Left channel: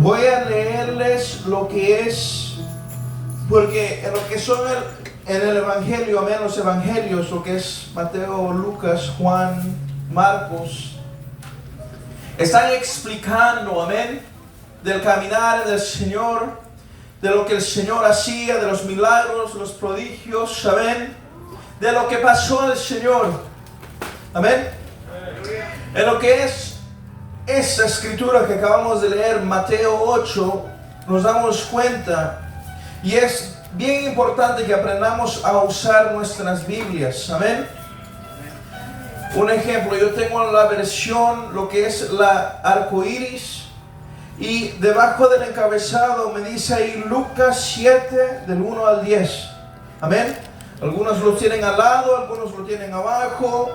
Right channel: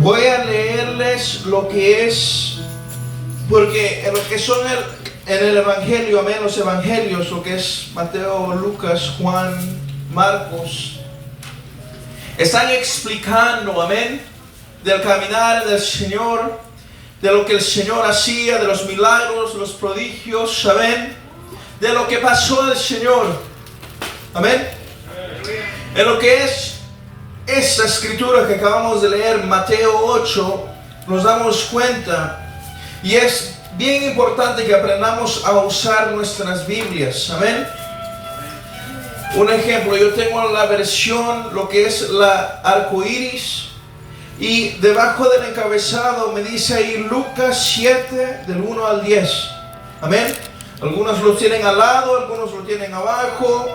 Voy a leerles lo que es, porque en lo que son en el Evangelio, amén, los Evangelios, lo que es Mateo, Lucas, Juan, Marcos, están explicando, amén, del caminar del Señor, de lo que el Señor hacía, de los milagros, los prodigios, amén, de lo que pasó al Señor, amén. En lo que es esta escritura que acabamos de leer, Mateo 8, nos damos cuenta, y es bien importante que aprendamos a usar nuestras Biblias, amén. Un ejemplo, yo tengo la versión, lo que es la arcoíris, y debajo del encabezado me dice ahí Lucas 7, del 1 al 10, amén. Algunos lo tienen al lado, algunos lo tienen abajo,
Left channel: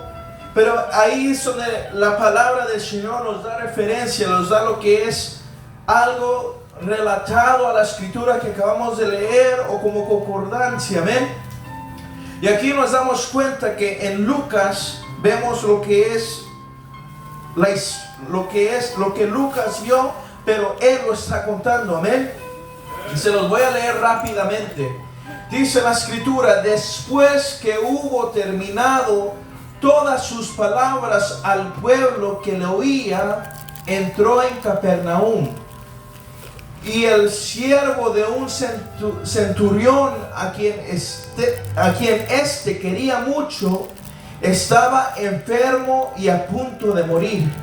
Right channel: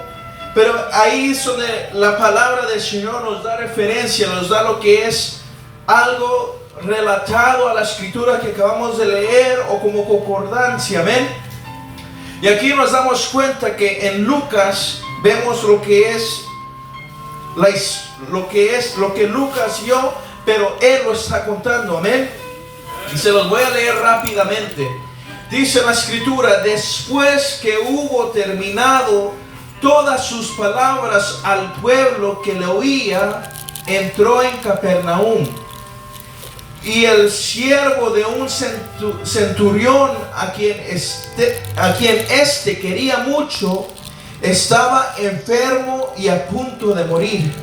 pero ahí es donde la palabra del Señor nos da referencia, nos da lo que es algo relatado a la escritura que acabamos de leer o como concordancia, amén. Y aquí nos damos cuenta que en Lucas vemos lo que Lucas vio, pero él lo está contando, amén. Y se los voy a leer rápidamente. Dice la escritura: después que hubo terminado todas sus palabras al pueblo que le oía, entró en Capernaum. Y el siervo de un centurión a quien éste quería mucho, estaba enfermo y a punto de morir.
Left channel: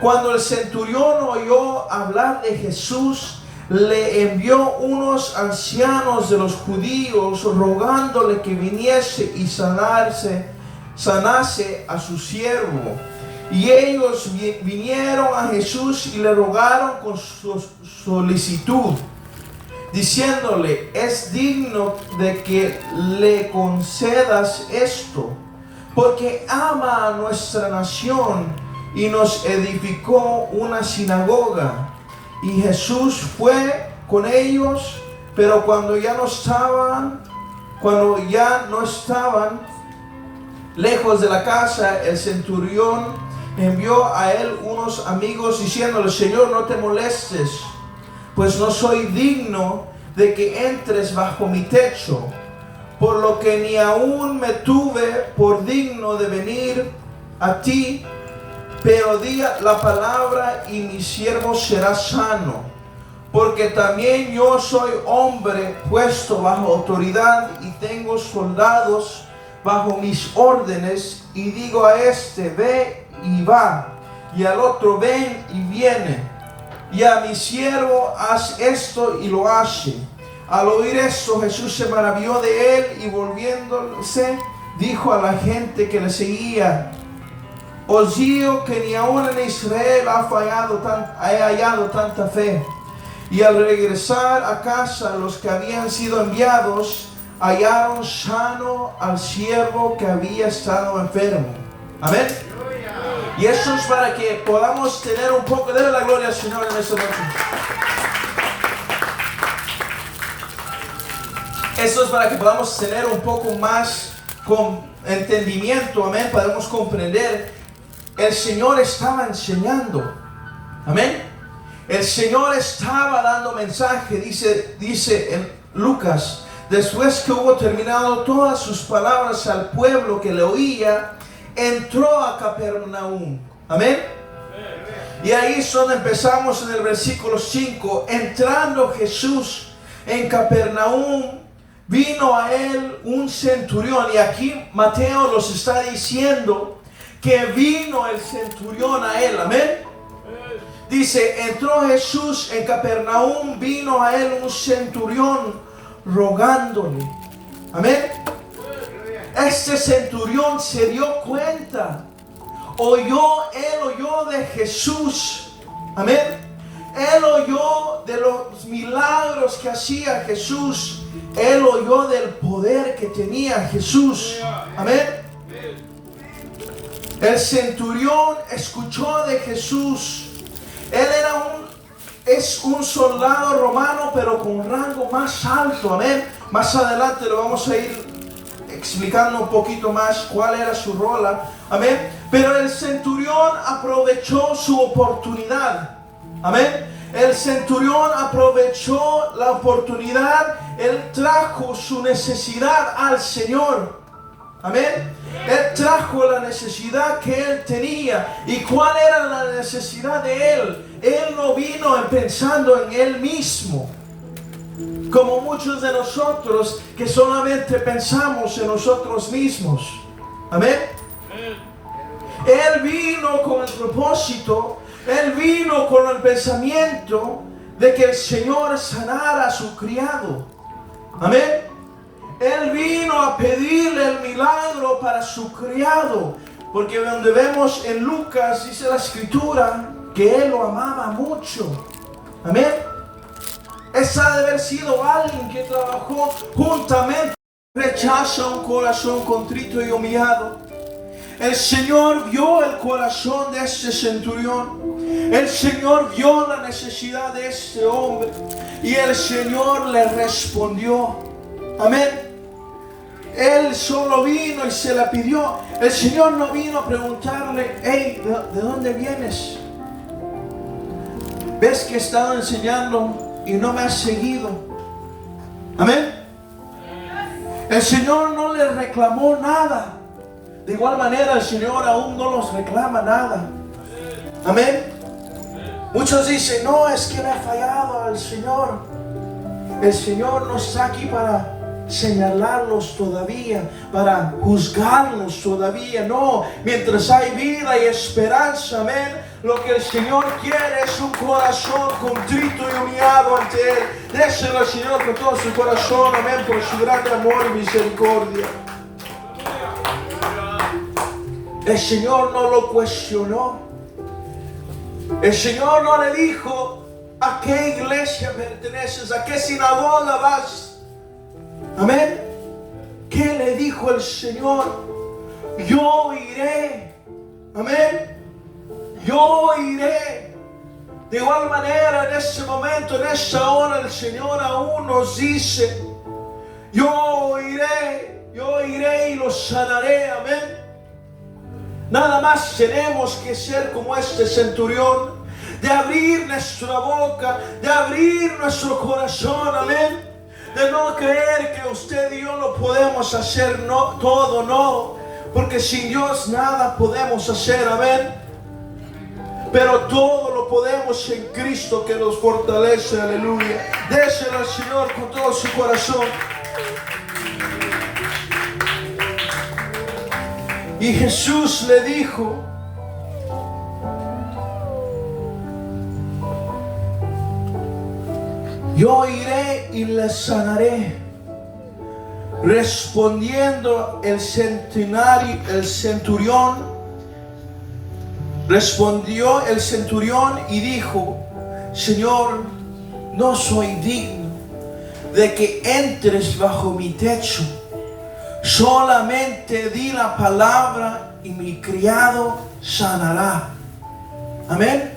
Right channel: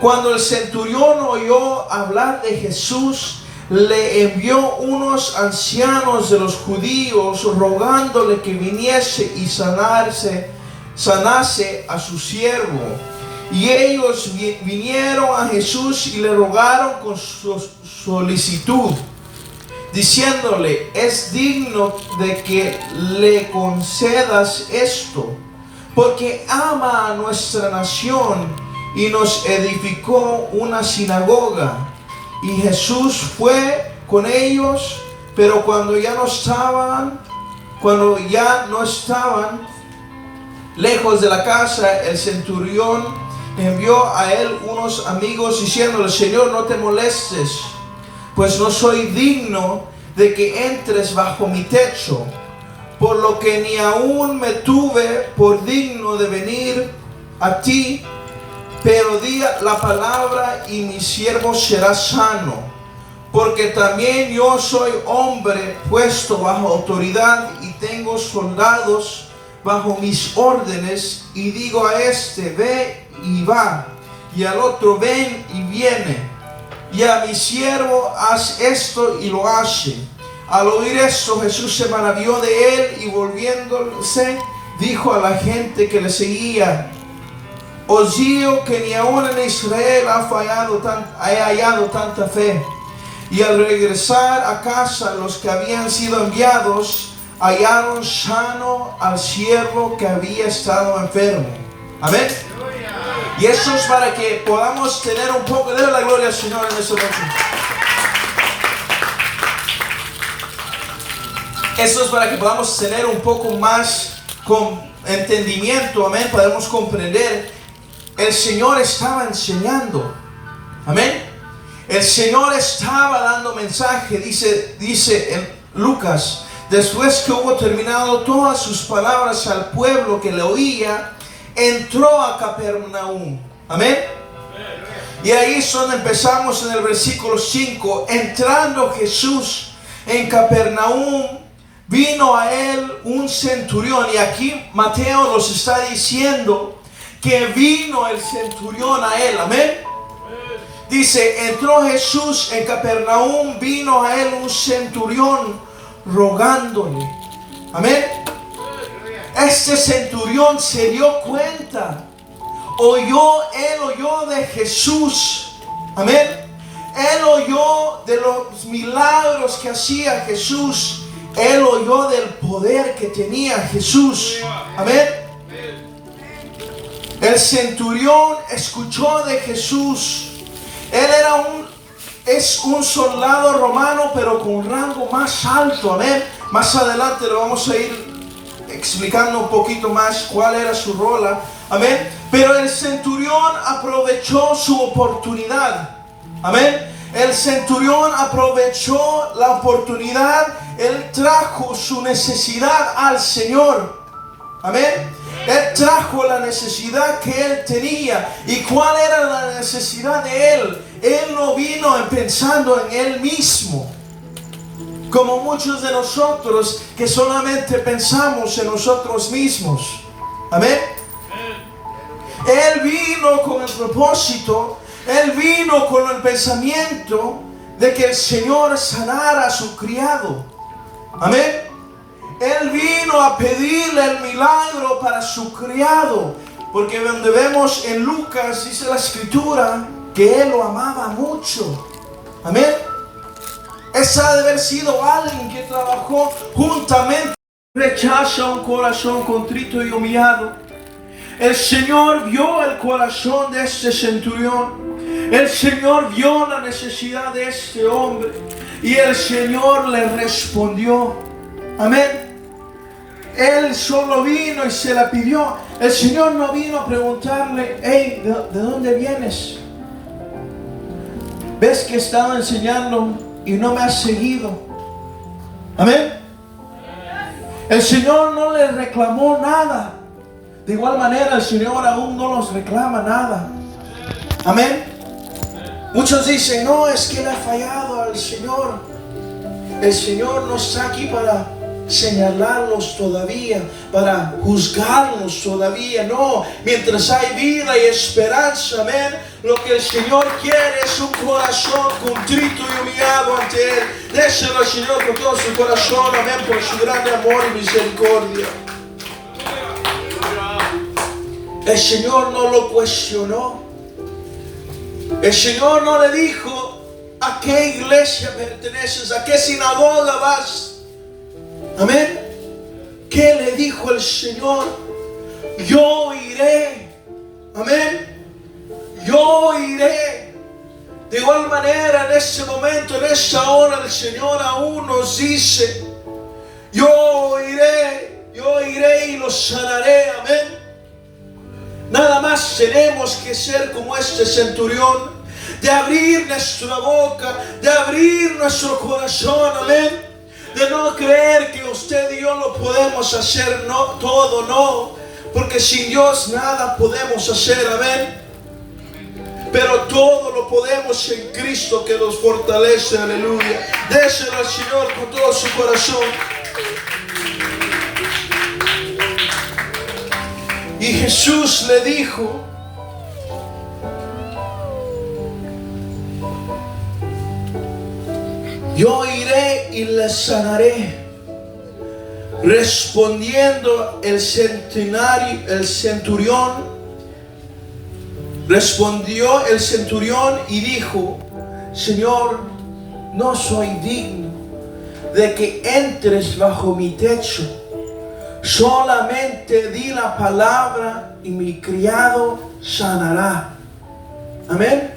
Cuando el centurión oyó hablar de Jesús, le envió unos ancianos de los judíos rogándole que viniese y sanase a su siervo. Y ellos vinieron a Jesús y le rogaron con su solicitud, diciéndole: es digno de que le concedas esto, porque ama a nuestra nación y nos edificó una sinagoga. Y Jesús fue con ellos, pero cuando ya no estaban lejos de la casa, el centurión envió a él unos amigos diciéndole: Señor, no te molestes, pues no soy digno de que entres bajo mi techo, por lo que ni aún me tuve por digno de venir a ti, pero di la palabra y mi siervo será sano, porque también yo soy hombre puesto bajo autoridad y tengo soldados bajo mis órdenes, y digo a este: ve y va, y al otro: ven y viene, y a mi siervo: haz esto, y lo hace. Al oír esto, Jesús se maravilló de él, y volviéndose dijo a la gente que le seguía: os digo que ni aún en Israel he hallado tanta fe. Y al regresar a casa, los que habían sido enviados hallaron sano al siervo que había estado enfermo. Amén. Y eso es para que podamos tener un poco de la gloria al Señor en esta noche. Eso es para que podamos tener un poco más con entendimiento. Amén. Podemos comprender. El Señor estaba enseñando. Amén. El Señor estaba dando mensaje. Dice en Lucas: después que hubo terminado todas sus palabras al pueblo que le oía, entró a Capernaum. Amén. Y ahí es donde empezamos en el versículo 5. Entrando Jesús en Capernaum, vino a él un centurión. Y aquí Mateo nos está diciendo que vino el centurión a él. Amén. Dice: entró Jesús en Capernaum, vino a él un centurión rogándole. Amén. Este centurión se dio cuenta, él oyó de Jesús. Amén. Él oyó de los milagros que hacía Jesús. Él oyó del poder que tenía Jesús. Amén. El centurión escuchó de Jesús. Él es un soldado romano, pero con un rango más alto. Amén. Más adelante lo vamos a ir explicando un poquito más cuál era su rol. Amén. Pero el centurión aprovechó su oportunidad. Amén. El centurión aprovechó la oportunidad. Él trajo su necesidad al Señor. Amén. Él trajo la necesidad que él tenía. ¿Y cuál era la necesidad de él? Él no vino pensando en él mismo, como muchos de nosotros que solamente pensamos en nosotros mismos. Amén. Él vino con el propósito, él vino con el pensamiento de que el Señor sanara a su criado. Amén. Él vino a pedirle el milagro para su criado, porque donde vemos en Lucas, dice la escritura, que él lo amaba mucho. Amén. Esa ha de haber sido alguien que trabajó juntamente. Rechaza un corazón contrito y humillado. El Señor vio el corazón de este centurión. El Señor vio la necesidad de este hombre. Y el Señor le respondió. Amén. Él solo vino y se la pidió. El Señor no vino a preguntarle, hey, ¿de dónde vienes? ¿Ves que he estado enseñando y no me has seguido? Amén. El Señor no le reclamó nada. De igual manera el Señor aún no los reclama nada. Amén. Muchos dicen, no, es que le ha fallado al Señor. El Señor no está aquí para señalarlos todavía, para juzgarlos todavía. No, mientras hay vida y esperanza, amén. Lo que el Señor quiere es un corazón contrito y humillado ante Él. Déselo al Señor con todo su corazón, amén, por su gran amor y misericordia. El Señor no lo cuestionó. El Señor no le dijo a qué iglesia perteneces, a qué sinagoga vas. Amén. ¿Qué le dijo el Señor? Yo iré. Amén. Yo iré. De igual manera, en este momento, en esta hora, el Señor aún nos dice, yo iré y los sanaré. Amén. Nada más tenemos que ser como este centurión, de abrir nuestra boca, de abrir nuestro corazón. Amén. De no creer que usted y yo lo podemos hacer, no, todo no, porque sin Dios nada podemos hacer, amén. Pero todo lo podemos en Cristo que nos fortalece, aleluya. Déselo al Señor con todo su corazón. Y Jesús le dijo, yo iré y les sanaré. Respondiendo el centurión, respondió el centurión y dijo, Señor, no soy digno de que entres bajo mi techo. Solamente di la palabra y mi criado sanará. Amén.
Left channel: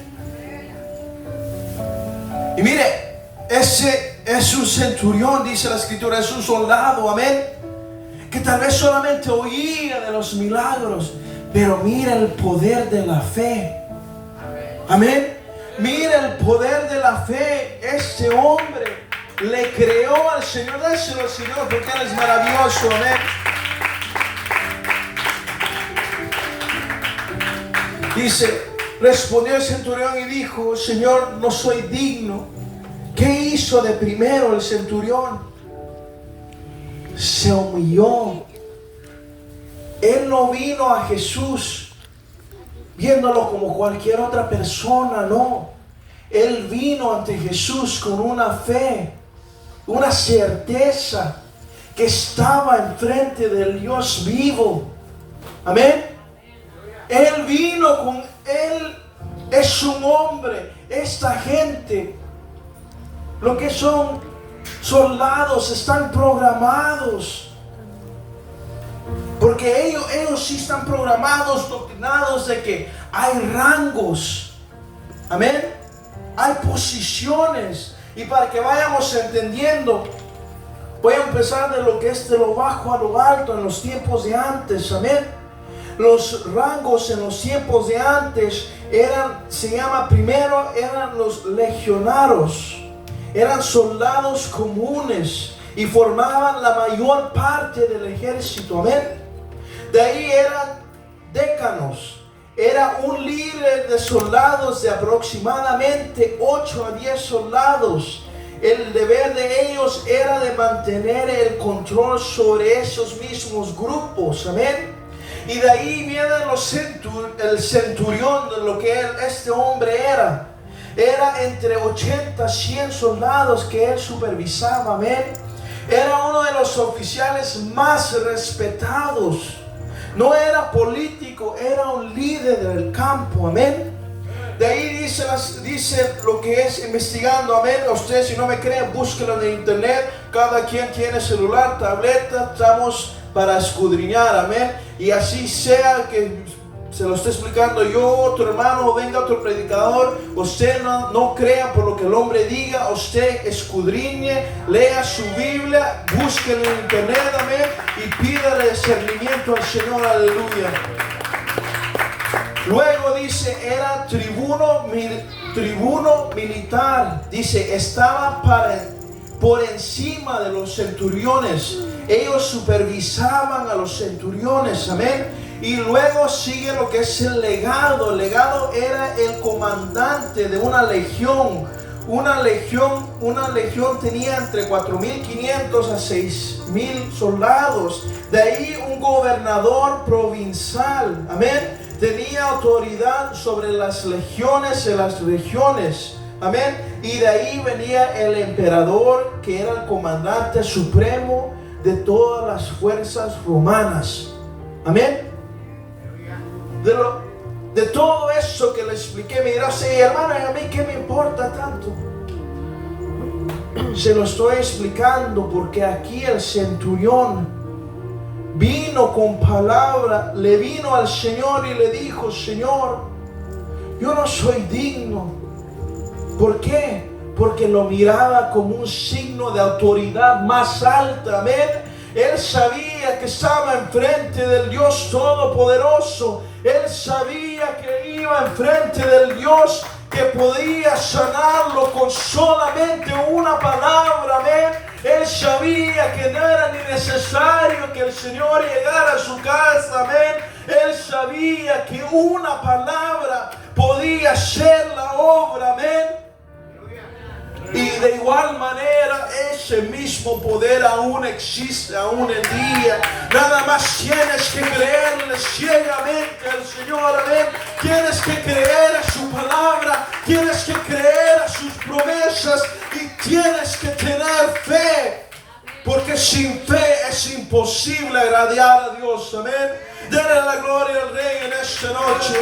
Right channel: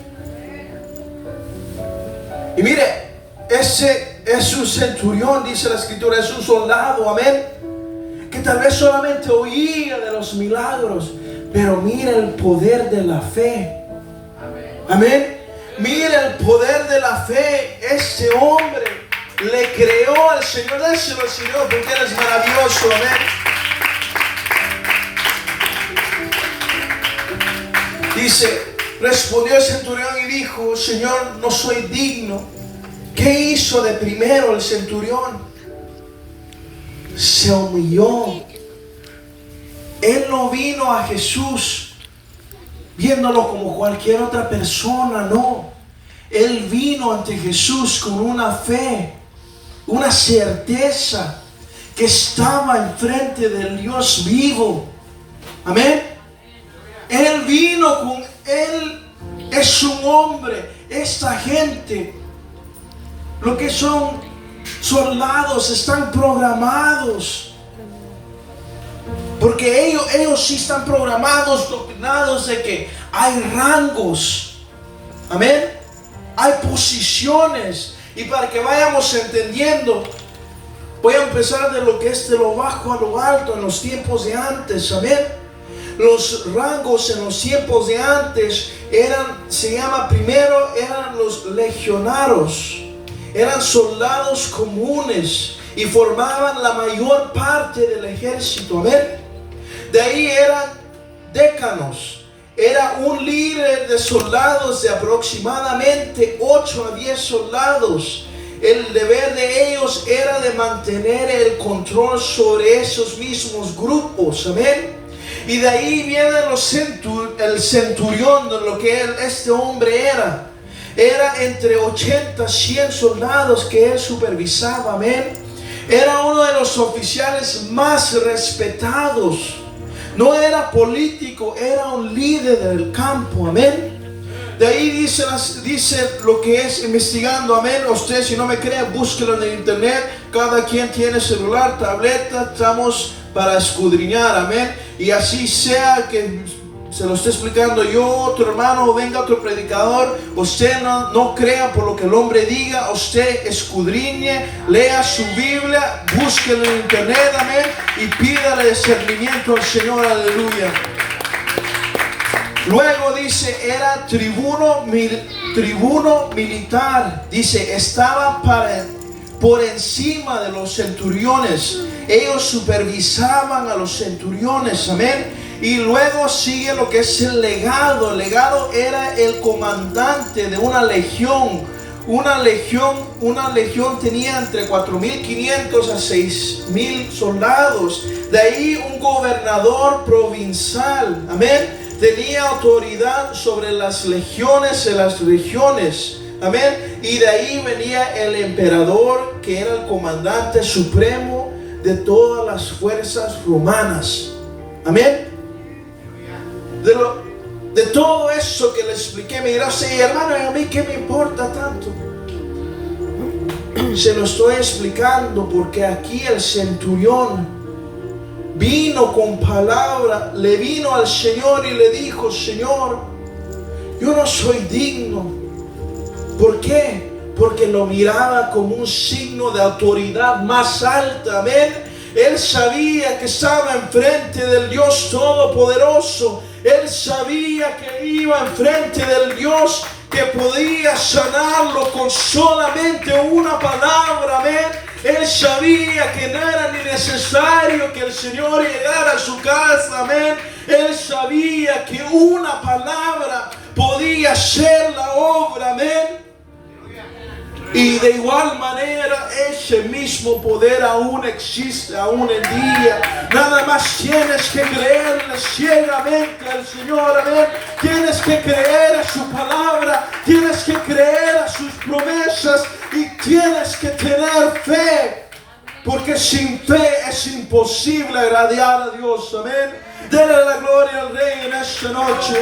Y mire, ese es un centurión, dice la escritura, es un soldado, amén, que tal vez solamente oía de los milagros, pero mira el poder de la fe. Amén. Mira el poder de la fe. Este hombre le creó al Señor. Déselo al Señor porque Él es maravilloso. Amén. Dice, respondió el centurión y dijo, Señor, no soy digno. ¿Qué hizo de primero el centurión? Se humilló. Él no vino a Jesús viéndolo como cualquier otra persona, no. Él vino ante Jesús con una fe, una certeza que estaba enfrente del Dios vivo. Amén. Él vino con Él, es un hombre. Esta gente, lo que son soldados, están programados. Porque ellos sí están programados, doctrinados de que hay rangos. Amén. Hay posiciones. Y para que vayamos entendiendo, Voy a empezar de lo que es de lo bajo a lo alto en los tiempos de antes, amén. Los rangos en los tiempos de antes primero eran los legionarios, eran soldados comunes y formaban la mayor parte del ejército, amén. De ahí eran décanos, era un líder de soldados de aproximadamente 8 a 10 soldados. El deber de ellos era de mantener el control sobre esos mismos grupos, amén. Y de ahí viene el centurión, de lo que este hombre era. Era entre 80 y 100 soldados que él supervisaba, amén. Era uno de los oficiales más respetados. No era político, era un líder del campo, amén. De ahí dice lo que es investigando, amén. Usted, si no me cree, búsquelo en el internet. Cada quien tiene celular, tableta, estamos para escudriñar, amén. Y así sea que se lo esté explicando yo, otro hermano, o venga otro predicador, usted no crea por lo que el hombre diga, usted escudriñe, lea su Biblia, búsquelo en internet, amén, y pídale discernimiento al Señor, aleluya. Luego dice, era tribuno militar, dice, estaba por encima de los centuriones. Ellos supervisaban a los centuriones, amén. Y luego sigue lo que es el legado. El legado era el comandante de una legión. Una legión tenía entre 4.500 a 6.000 soldados. De ahí un gobernador provincial, amén, tenía autoridad sobre las legiones de las regiones, amén. Y de ahí venía el emperador, que era el comandante supremo de todas las fuerzas romanas, amén. De todo eso que le expliqué, me dirá, sí, hermano, ¿a mí qué me importa tanto? Se lo estoy explicando porque aquí el centurión vino con palabra, le vino al Señor y le dijo, Señor, yo no soy digno. ¿Por qué? Porque lo miraba como un signo de autoridad más alta, amén. Él sabía que estaba enfrente del Dios Todopoderoso. Él sabía que iba enfrente del Dios que podía sanarlo con solamente una palabra, amén. Él sabía que no era ni necesario que el Señor llegara a su casa, amén. Él sabía que una palabra podía hacer la obra, amén. Y de igual manera ese mismo poder aún existe, aún en día. Nada más tienes que creerle ciegamente al Señor, amén. Tienes que creer a su palabra, tienes que creer a sus promesas y tienes que tener fe. Porque sin fe es imposible agradar a Dios, amén. Denle la gloria al Rey en esta noche.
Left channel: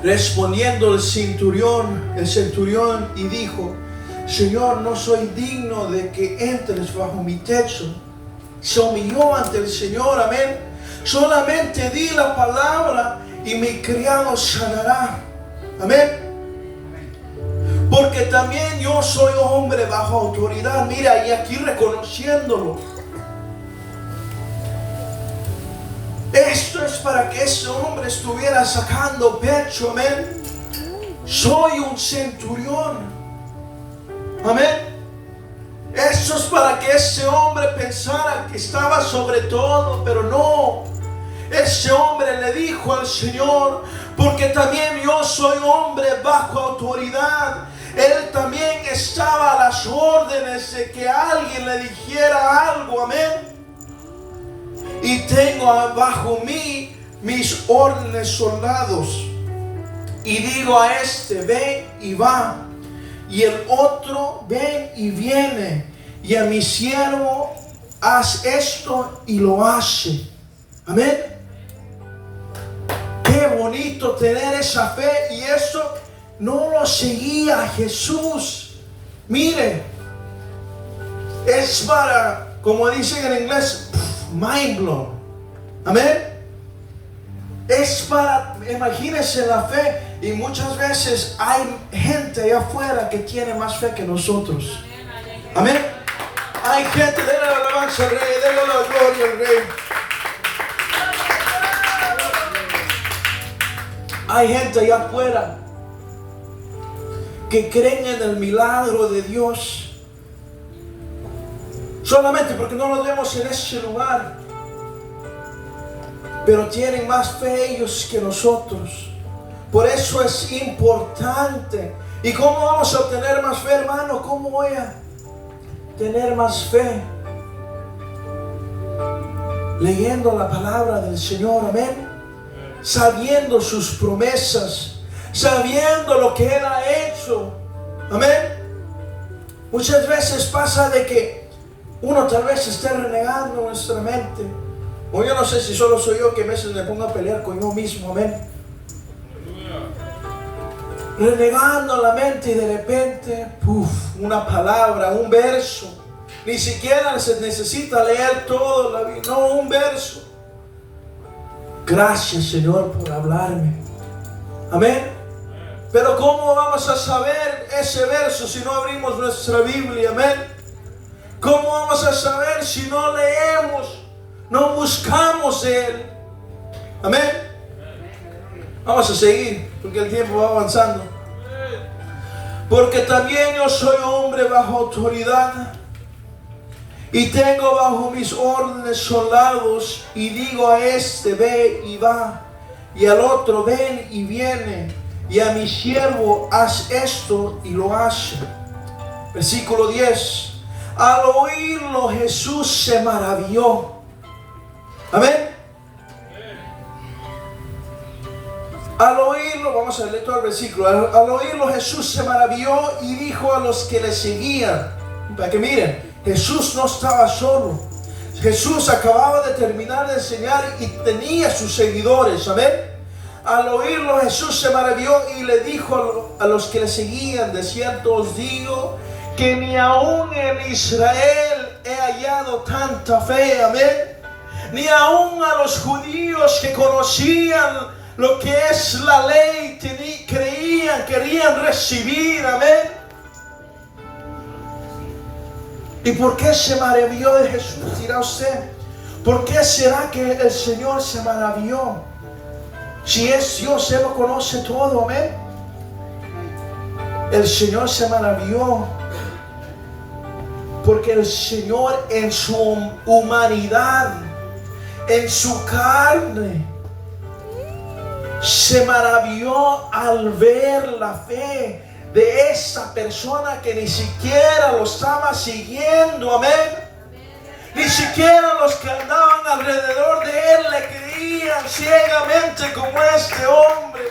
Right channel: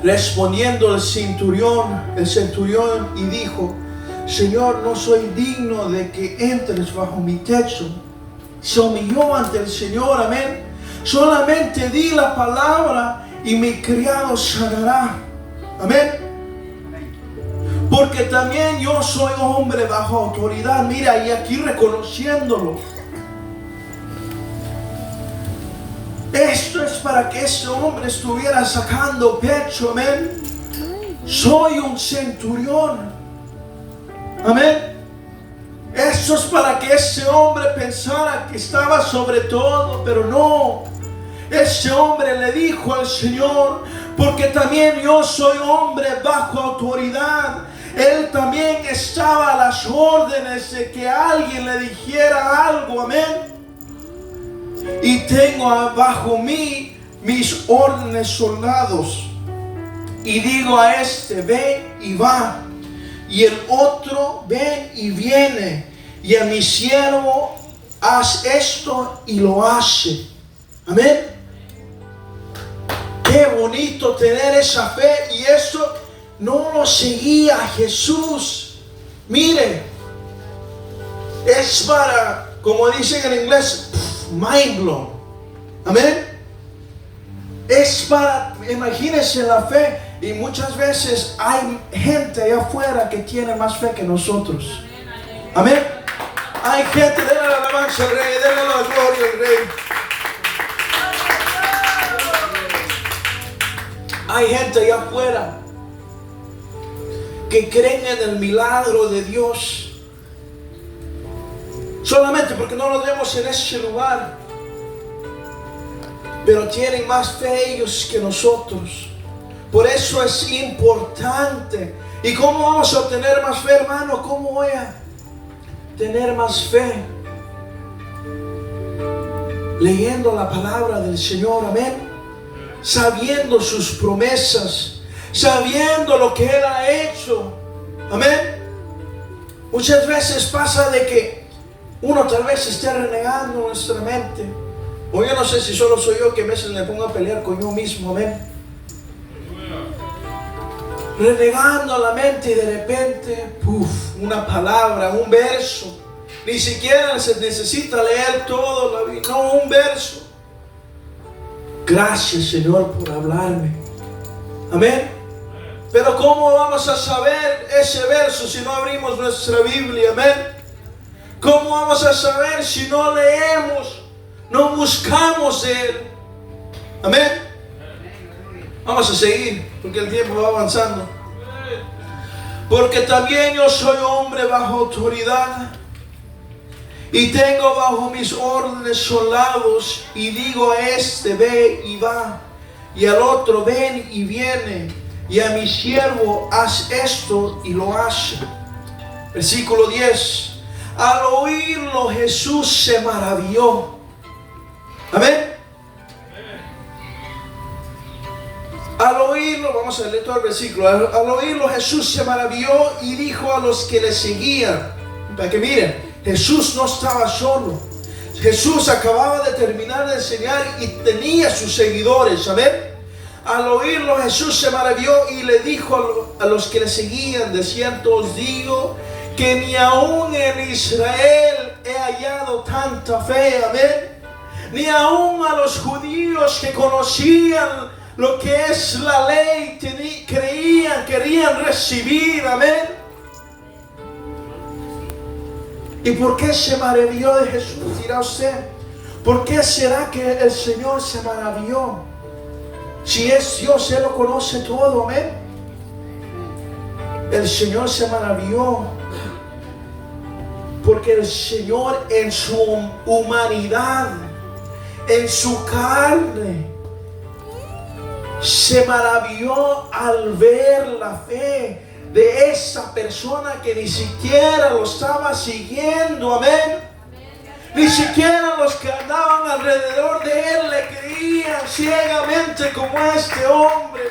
Respondiendo el centurión y dijo, Señor, no soy digno de que entres bajo mi techo. Se humilló ante el Señor, amén. Solamente di la palabra y mi criado sanará, amén. Porque también yo soy hombre bajo autoridad. Mira, y aquí reconociéndolo. Esto es para que este hombre estuviera sacando pecho, amén. Soy un centurión, amén. Esto es para que este hombre pensara que estaba sobre todo, pero no. Este hombre le dijo al Señor, porque también yo soy hombre bajo autoridad. Él también estaba a las órdenes de que alguien le dijera algo, amén. Y tengo bajo mí mis órdenes soldados. Y digo a este, ven y va. Y el otro, ven y viene. Y a mi siervo, haz esto y lo hace. Amén. Qué bonito tener esa fe. Y eso no lo seguía Jesús. Mire, es para, como dicen en inglés, mind blown. Amén. Es para, imagínense la fe. Y muchas veces hay gente allá afuera que tiene más fe que nosotros. Amén. Hay gente, denle la alabanza al Rey, denle la gloria al Rey. Hay gente allá afuera que creen en el milagro de Dios solamente porque no lo vemos en ese lugar, pero tienen más fe ellos que nosotros. Por eso es importante. ¿Y cómo vamos a tener más fe, hermano? ¿Cómo voy a tener más fe? Leyendo la palabra del Señor, amén. Sabiendo sus promesas, sabiendo lo que Él ha hecho, amén. Muchas veces pasa de que uno tal vez esté renegando nuestra mente, o yo no sé si solo soy yo que a veces me pongo a pelear con yo mismo, amén. Renegando la mente y de repente, una palabra, un verso. Ni siquiera se necesita leer todo la Biblia, no, un verso. Gracias, Señor, por hablarme. Amén. Pero ¿cómo vamos a saber ese verso si no abrimos nuestra Biblia? Amén. ¿Cómo vamos a saber si no leemos, no buscamos de Él? Amén. Vamos a seguir porque el tiempo va avanzando. Porque también yo soy hombre bajo autoridad y tengo bajo mis órdenes soldados, y digo a este ve y va, y al otro ven y viene, y a mi siervo haz esto y lo hace. Versículo 10. Al oírlo Jesús se maravilló. Amén. Al oírlo, vamos a leer todo el versículo. Al oírlo Jesús se maravilló y dijo a los que le seguían, para que miren, Jesús no estaba solo. Jesús acababa de terminar de enseñar y tenía sus seguidores, amén. Al oírlo Jesús se maravilló y le dijo a los que le seguían, de cierto os digo que ni aún en Israel he hallado tanta fe, amén. Ni aún a los judíos que conocían lo que es la ley, querían recibir, amén. ¿Y por qué se maravilló de Jesús? Dirá usted, ¿por qué será que el Señor se maravilló? Si es Dios, Él lo conoce todo, amén. El Señor se maravilló porque el Señor en su humanidad, en su carne, se maravilló al ver la fe de esa persona que ni siquiera lo estaba siguiendo, amén. Ni siquiera los que andaban alrededor de él le creían ciegamente como este hombre.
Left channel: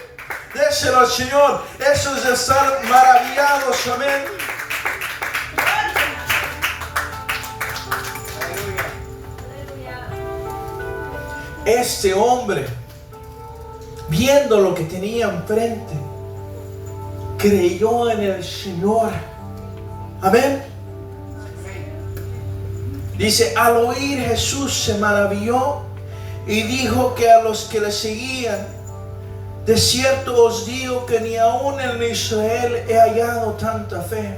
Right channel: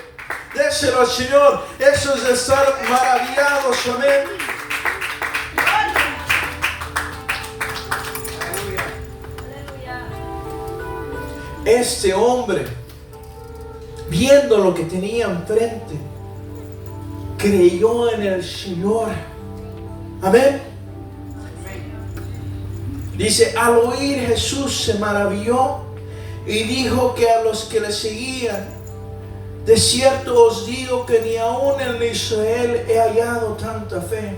Déselo al Señor. Eso es de estar maravillados, amén. Este hombre, viendo lo que tenía enfrente, creyó en el Señor. Amén. Dice, al oír Jesús se maravilló y dijo que a los que le seguían, de cierto os digo que ni aún en Israel he hallado tanta fe.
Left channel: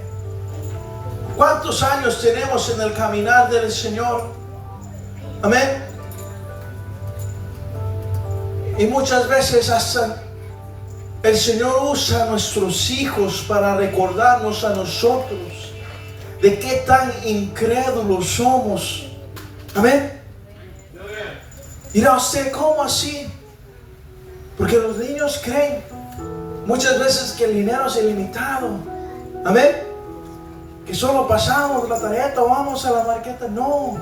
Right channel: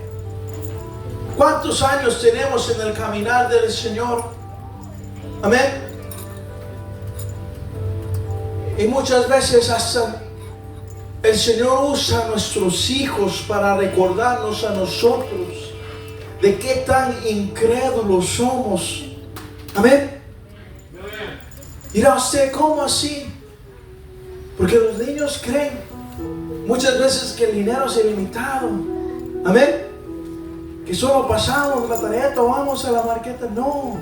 ¿Cuántos años tenemos en el caminar del Señor? Amén. Y muchas veces hasta el Señor usa a nuestros hijos para recordarnos a nosotros de qué tan incrédulos somos. Amén. Dirá usted, ¿cómo así? Porque los niños creen muchas veces que el dinero es ilimitado. Amén. Que solo pasamos la tarjeta, vamos a la marqueta. No.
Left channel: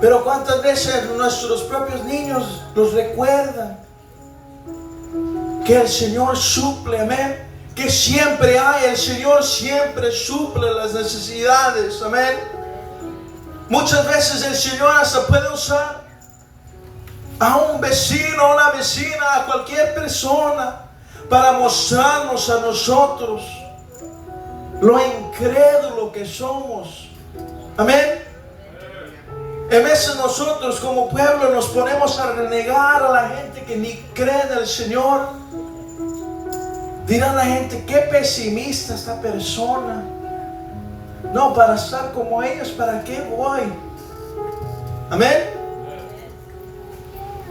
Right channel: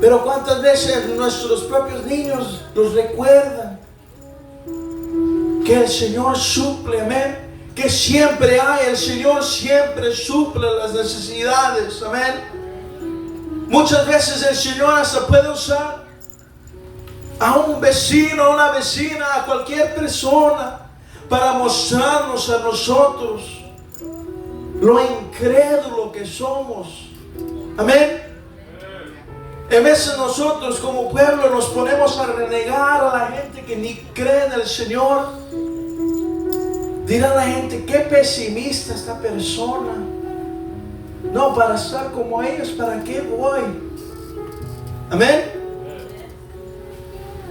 Pero cuántas veces nuestros propios niños nos recuerdan que el Señor suple, amén. Que siempre hay, el Señor siempre suple las necesidades, amén. Muchas veces el Señor hasta puede usar a un vecino, a una vecina, a cualquier persona para mostrarnos a nosotros lo incrédulo que somos, amén. En veces nosotros como pueblo nos ponemos a renegar a la gente que ni cree en el Señor. Dirá la gente, qué pesimista esta persona. No, para estar como ellos, ¿para qué voy? Amén.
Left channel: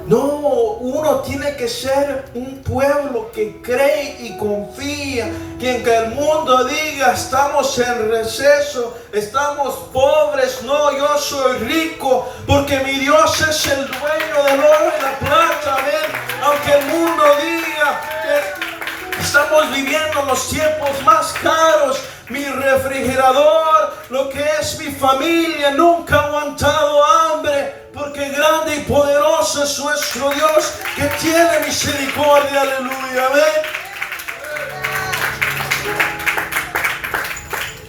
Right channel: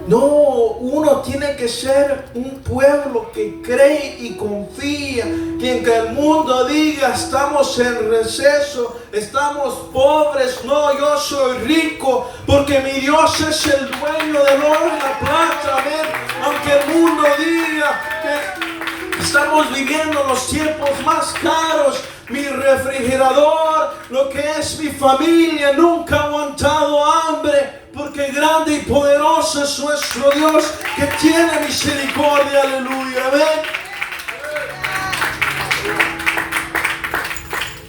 No, uno tiene que ser un pueblo que cree y confía, que en que el mundo diga estamos en receso, estamos pobres, no, yo soy rico, porque mi Dios es el dueño del oro y la plata, amén. Aunque el mundo diga que estamos viviendo los tiempos más caros, mi refrigerador, lo que es mi familia, nunca ha aguantado hambre, porque grande y poderoso es nuestro Dios, que tiene misericordia, aleluya, amén.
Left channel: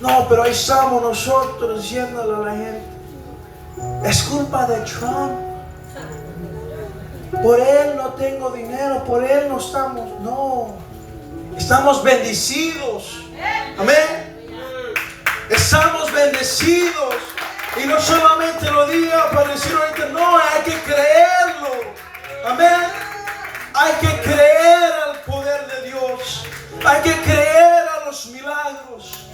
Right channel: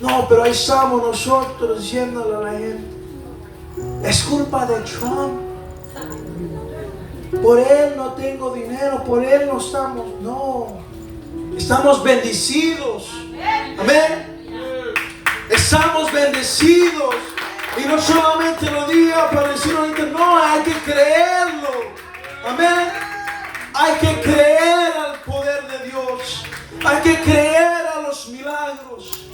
No, pero ahí estamos nosotros diciéndole a la gente, es culpa de Trump, por él no tengo dinero, por él no estamos, no, estamos bendecidos, amén. Estamos bendecidos. Y no solamente lo diga para decir ahorita, no, hay que creerlo. Amén. Hay que creer al poder de Dios. Hay que creer a los milagros.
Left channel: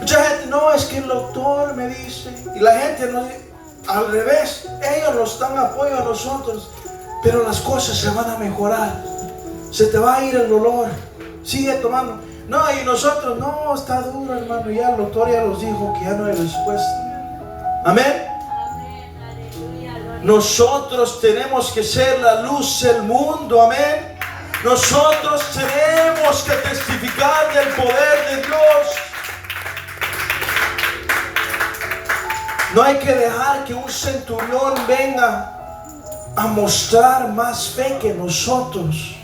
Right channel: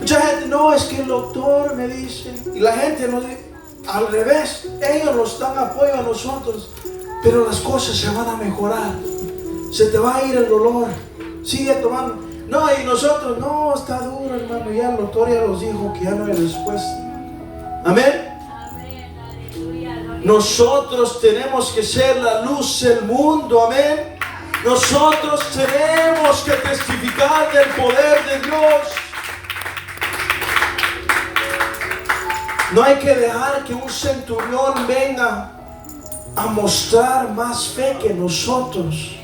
Mucha gente, no, es que el doctor me dice. Y la gente no dice, al revés, ellos nos dan apoyo a nosotros. Pero las cosas se van a mejorar. Se te va a ir el dolor. Sigue tomando. No, y nosotros, no, está duro, hermano. Ya el doctor ya nos dijo que ya no hay respuesta. Amén. Nosotros tenemos que ser la luz del mundo. Amén. Nosotros tenemos que testificar del poder de Dios. No hay que dejar que un centurión venga a mostrar más fe que nosotros.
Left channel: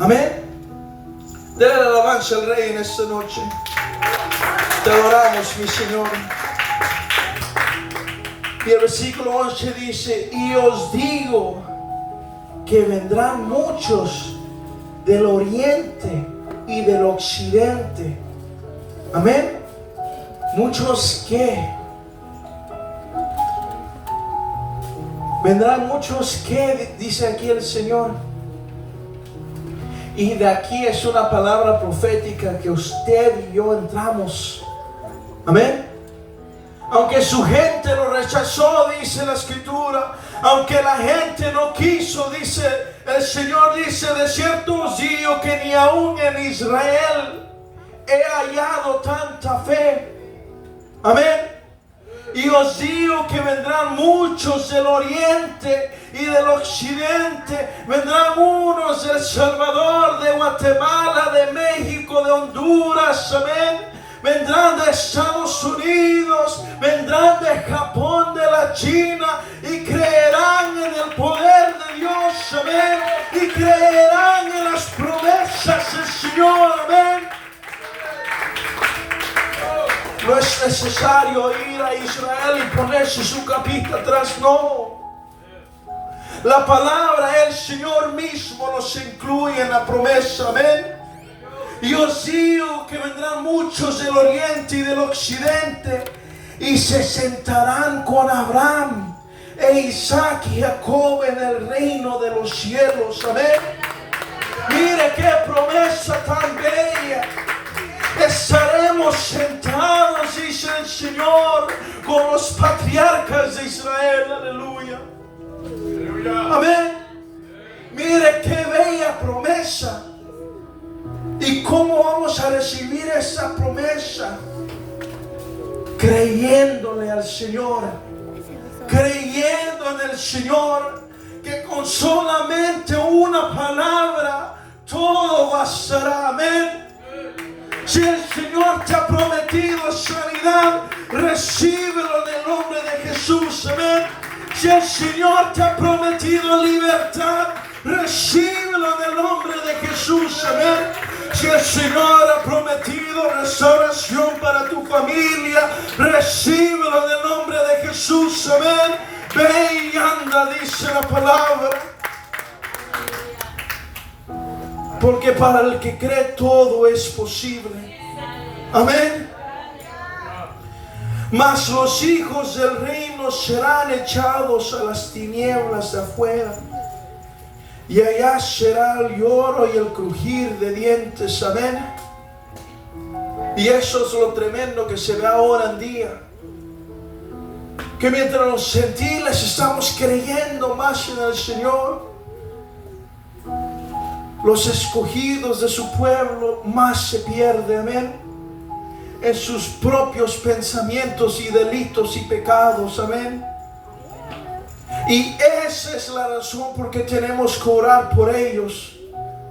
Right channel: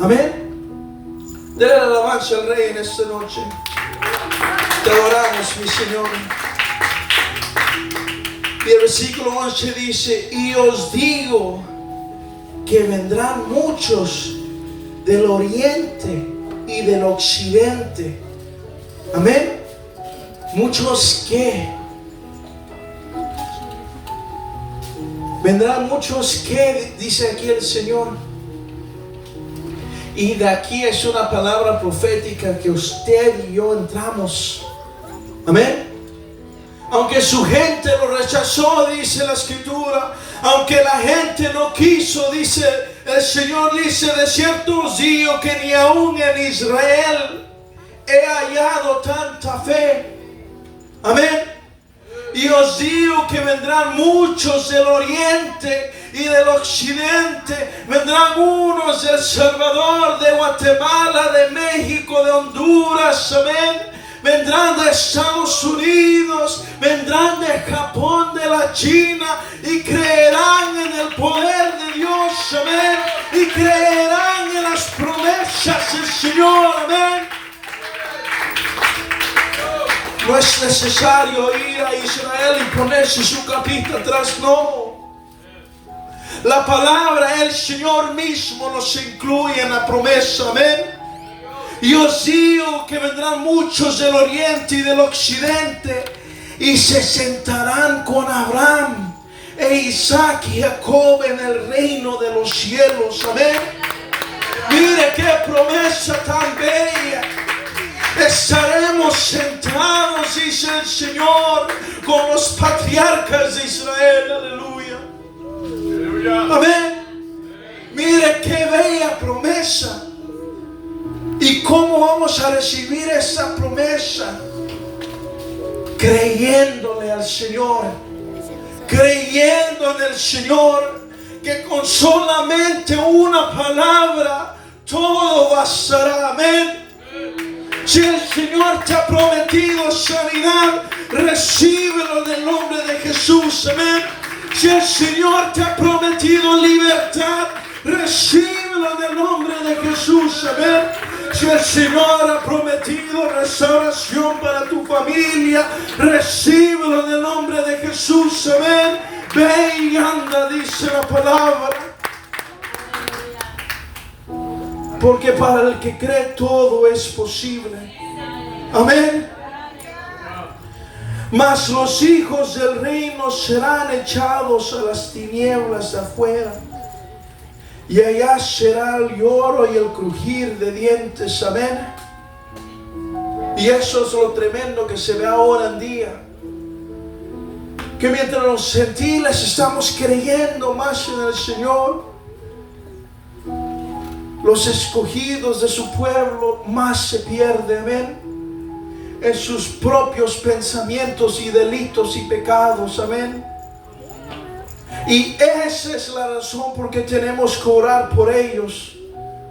Amén. Dale la alabanza al Rey en esta noche. Te adoramos, mi Señor. Y el versículo 11 dice, y os digo que vendrán muchos del oriente y del occidente. Amén. Muchos que vendrán muchos que, dice aquí el Señor. Y de aquí es una palabra profética que usted y yo entramos. Amén. Aunque su gente lo rechazó, dice la Escritura. Aunque la gente no quiso, dice el Señor, dice, de cierto os digo que ni aún en Israel he hallado tanta fe. Amén. Y os digo que vendrán muchos del oriente y del occidente. Vendrán unos de El Salvador, de Guatemala, de México, de Honduras. Amén. Vendrán de Estados Unidos. Vendrán de Japón, de la China. Y creerán en el poder de Dios. Amén. Y creerán en las promesas del Señor. Amén. No es necesario ir a Israel y ponerse su capita atrás, no. La palabra, el Señor mismo nos incluye en la promesa, amén. Y os digo que vendrán muchos del oriente y del occidente y se sentarán con Abraham e Isaac y Jacob en el reino de los cielos, amén. Mire qué promesa tan bella. Estaremos sentados, dice el Señor, con los patriarcas de Israel, aleluya. Amén. Mire qué bella promesa. ¿Y cómo vamos a recibir esa promesa? Creyéndole al Señor, creyendo en el Señor, que con solamente una palabra todo bastará, amén. Si el Señor te ha prometido sanidad, recíbelo en el nombre de Jesús, amén. Si el Señor te ha prometido libertad, recíbelo en el nombre de Jesús, amén. Si el Señor ha prometido restauración para tu familia, recíbelo en el nombre de Jesús, amén. Ve y anda, dice la palabra. Porque para el que cree todo es posible. Amén. Mas los hijos del reino serán echados a las tinieblas de afuera. Y allá será el lloro y el crujir de dientes. Amén. Y eso es lo tremendo que se ve ahora en día. Que mientras los gentiles estamos creyendo más en el Señor, los escogidos de su pueblo más se pierden. Amén. En sus propios pensamientos y delitos y pecados. Amén. Y esa es la razón por que tenemos que orar por ellos,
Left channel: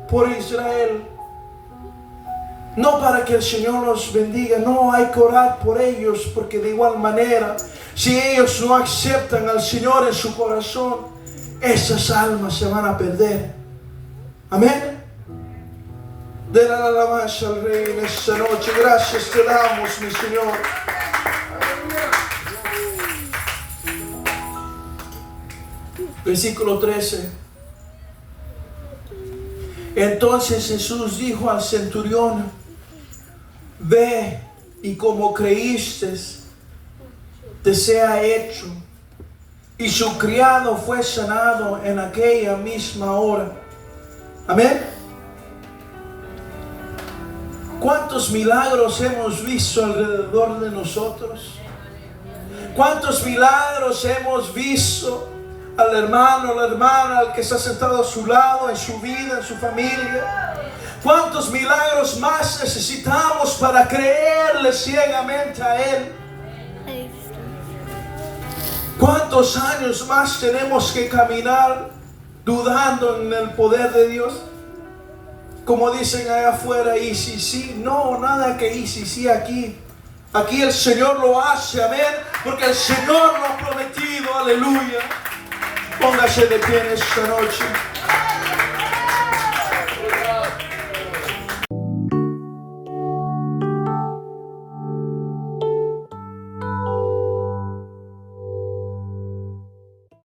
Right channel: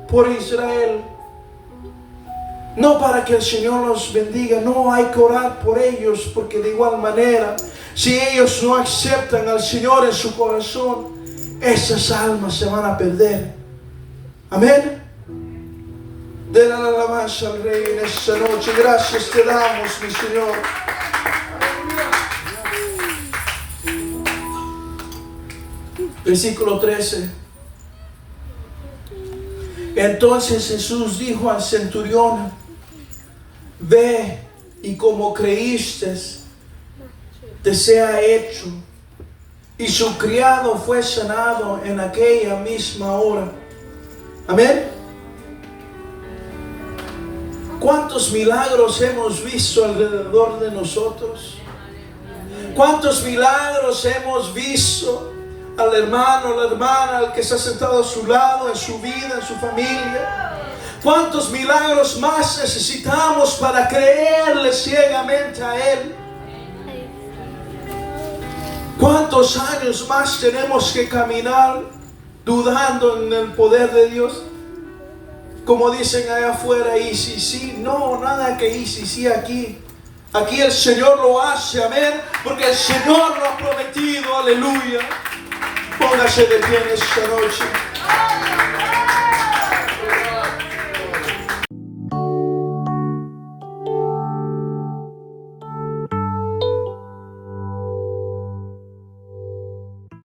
por Israel. No para que el Señor los bendiga, no, hay que orar por ellos, porque de igual manera, si ellos no aceptan al Señor en su corazón, esas almas se van a perder. Amén. De la alabanza al Rey en esta noche. Gracias te damos, mi Señor. Versículo 13. Entonces Jesús dijo al centurión: ve, y como creíste, te sea hecho. Y su criado fue sanado en aquella misma hora. Amén. ¿Cuántos milagros hemos visto alrededor de nosotros? ¿Cuántos milagros hemos visto al hermano, la hermana, al que está sentado a su lado, en su vida, en su familia? ¿Cuántos milagros más necesitamos para creerle ciegamente a Él? ¿Cuántos años más tenemos que caminar dudando en el poder de Dios? Como dicen allá afuera, y si sí, no, nada que y si sí aquí. Aquí el Señor lo hace, amén, porque el Señor lo ha prometido, aleluya. Póngase de pie en esta noche.